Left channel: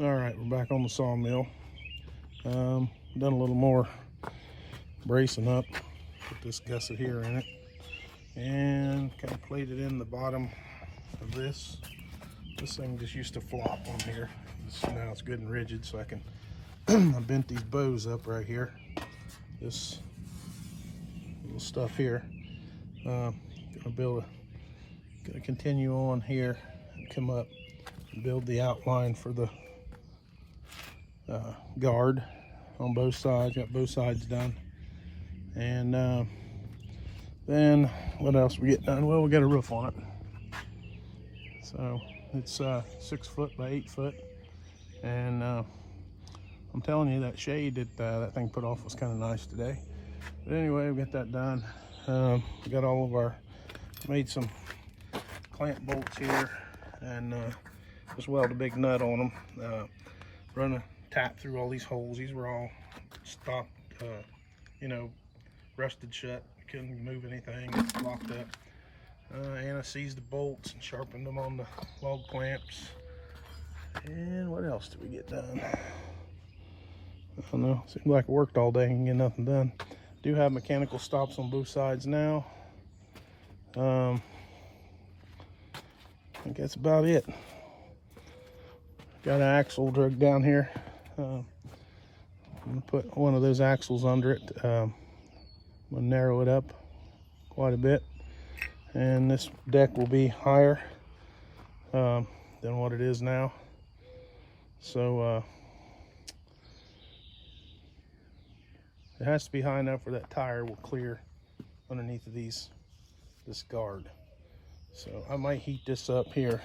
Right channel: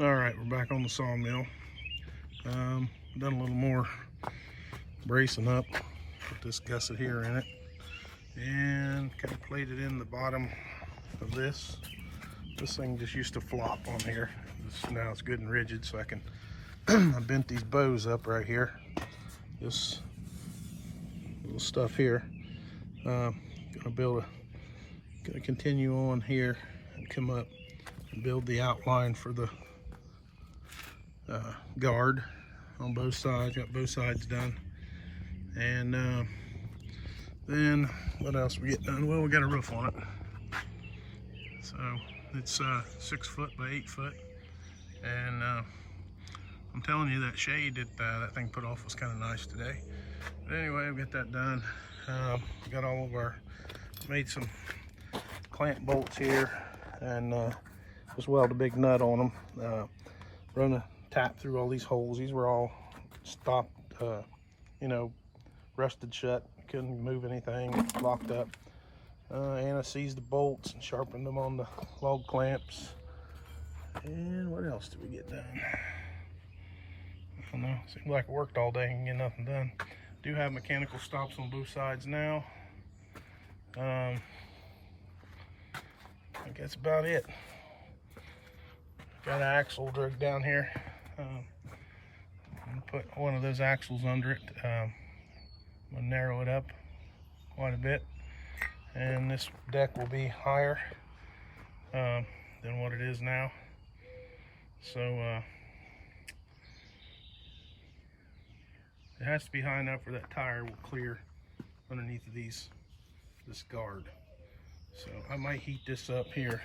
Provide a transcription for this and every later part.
All right, we're back on the sawmill. Done a little more bracing up. Put this gusset here in it and kind of plated in the bottom of this. This thing just used to flop on here. Now it's good and rigid, so I can I bent these bows up right here. This little stuff here. Gonna continue on here and come up and build the outline for the guard on both sides. Got both sides done, and then what else we get done? Well, we got a roof on it, so it's 6 foot by 8 foot, and I'm telling you, that shade that that thing put off was kind of nice today. But anyway, we got that done. We got all of our, made some clamp bolts here, and just weld a big nut on them. Run a tap through all these holes. These were all stopped, you know, rusted shut. Couldn't move anything, it's locked up. And I seized the bolts and sharpened them on the log clamps. And what else did we get done? I don't know, seemed like it worked all day and get nothing done. Do have mechanical stops on both sides now. I think that's about it. Got an axle drug down here. I'm gonna put one of those axles under it. I'm gonna narrow it up quite a bit, and this deck will be higher than what it is now. So it has to be high enough where that tire will clear underneath of this guard. So I might heat this up here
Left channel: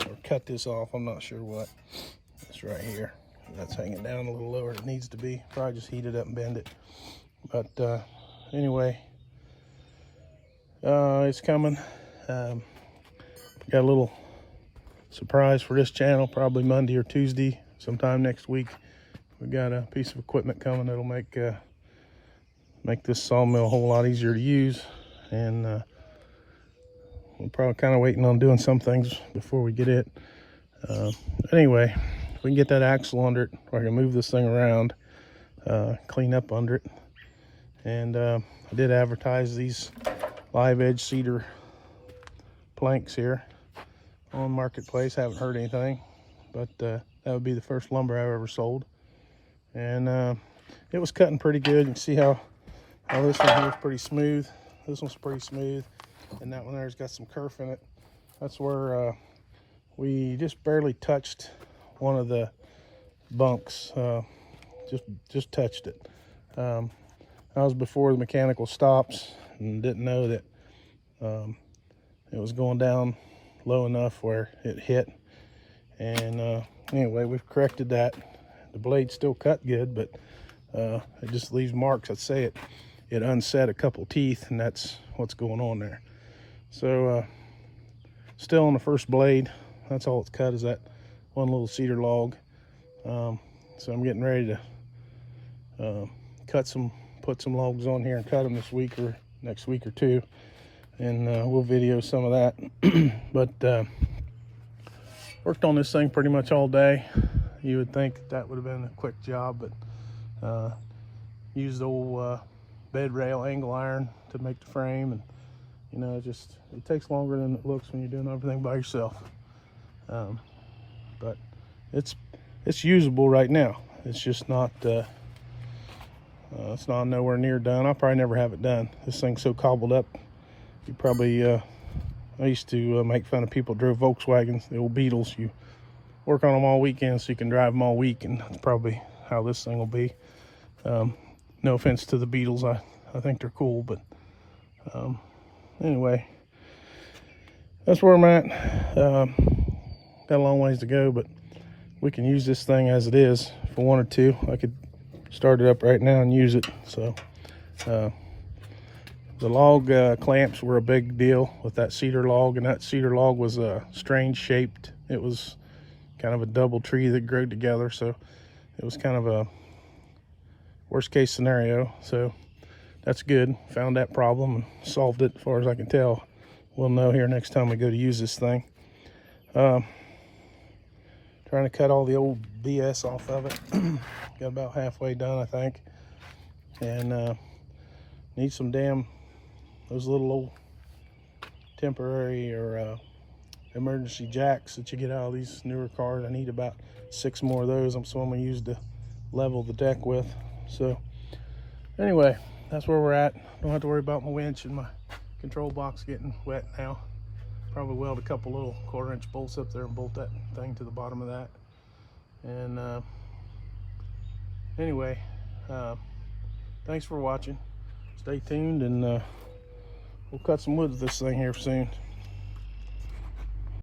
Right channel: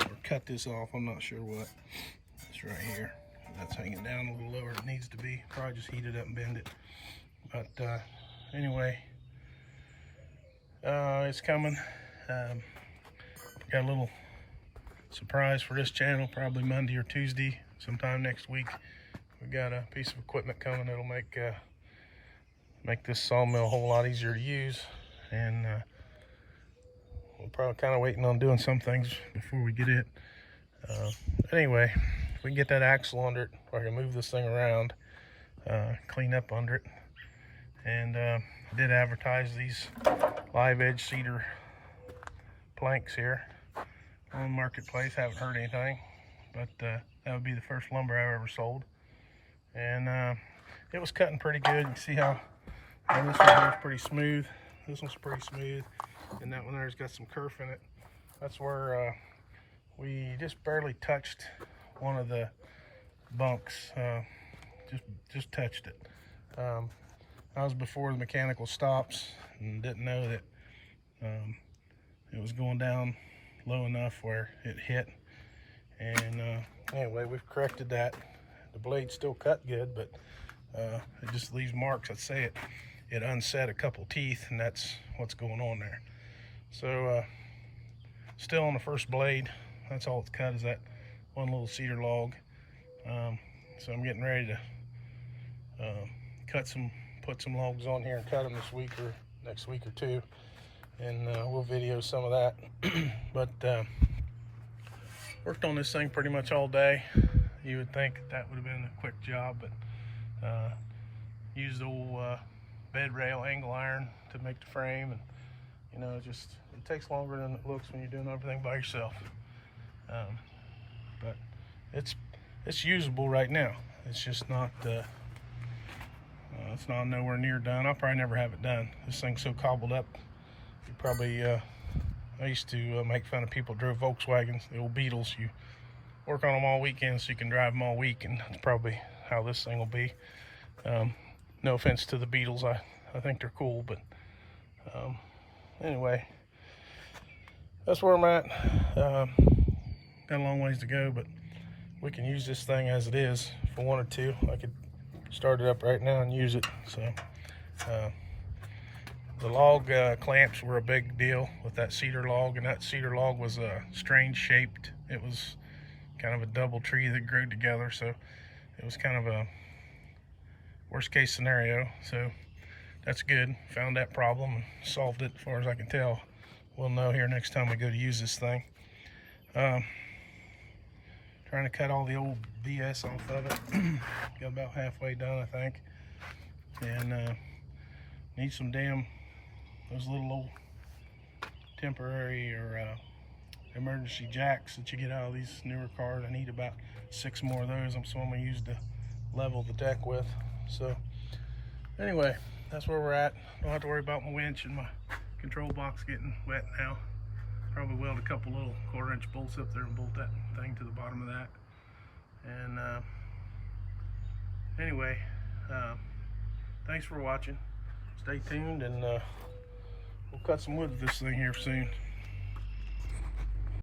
or cut this off. I'm not sure what. It's right here. That's hanging down a little lower than it needs to be. Probably just heat it up and bend it. But anyway, it's coming. Got a little surprise for this channel, probably Monday or Tuesday, sometime next week. We got a piece of equipment coming that'll make this sawmill a whole lot easier to use, and we're probably kind of waiting on doing some things before we get it. Anyway, if we can get that axle under it, or I can move this thing around, clean up under it. And I did advertise these live edge cedar planks here on Marketplace. Haven't heard anything, but that would be the first lumber I've ever sold. And it was cutting pretty good. You can see how this one here is pretty smooth. This one's pretty smooth, and that one there's got some kerf in it. That's where we just barely touched one of the bunks. Just touched it. That was before the mechanical stops, and didn't know that it was going down low enough where it hit. And anyway, we've corrected that. The blade still cut good, but it just leaves marks. I'd say it unset a couple teeth, and that's what's going on there. So still on the first blade. That's all it's cut, is that one little cedar log. So I'm getting ready to put some logs on here and cut them this week or next week or two, and we'll video some of that. But worked on this thing pretty much all day. You would think that would have been a quick job, but used old bed rail angle iron to make the frame, and you know, it takes longer than it looks when you're doing everything by yourself. But it's usable right now. It's just not it's not nowhere near done. I'll probably never have it done. This thing's so cobbled up. You probably I used to make fun of people who drove Volkswagens, the old Beetles. You work on them all weekend so you can drive them all week, and that's probably how this thing will be. No offense to the Beetles, I think they're cool, but anyway, that's where I'm at. Got a long ways to go, but we can use this thing as it is if I wanted to. I could start it up right now and use it. So the log clamps were a big deal with that cedar log, and that cedar log was strange shaped. It was kind of a double tree that grew together, so it was kind of a worst case scenario. So that's good. Found that problem and solved it as far as I can tell. We'll know here next time we go to use this thing. Trying Trying to cut all the old BS off of it. Got about halfway done, I think. And need some those little old temporary or emergency jacks that you get out of these newer cars. I need about 6 more of those. So I'm gonna use to level the deck with. So anyway, that's where we're at. Don't have to worry about my winch and my control box getting wet now. Probably weld a couple little 1/4-inch bolts up there and bolt that thing to the bottom of that. And anyway, thanks for watching. Stay tuned, and we'll cut some wood with this thing here soon.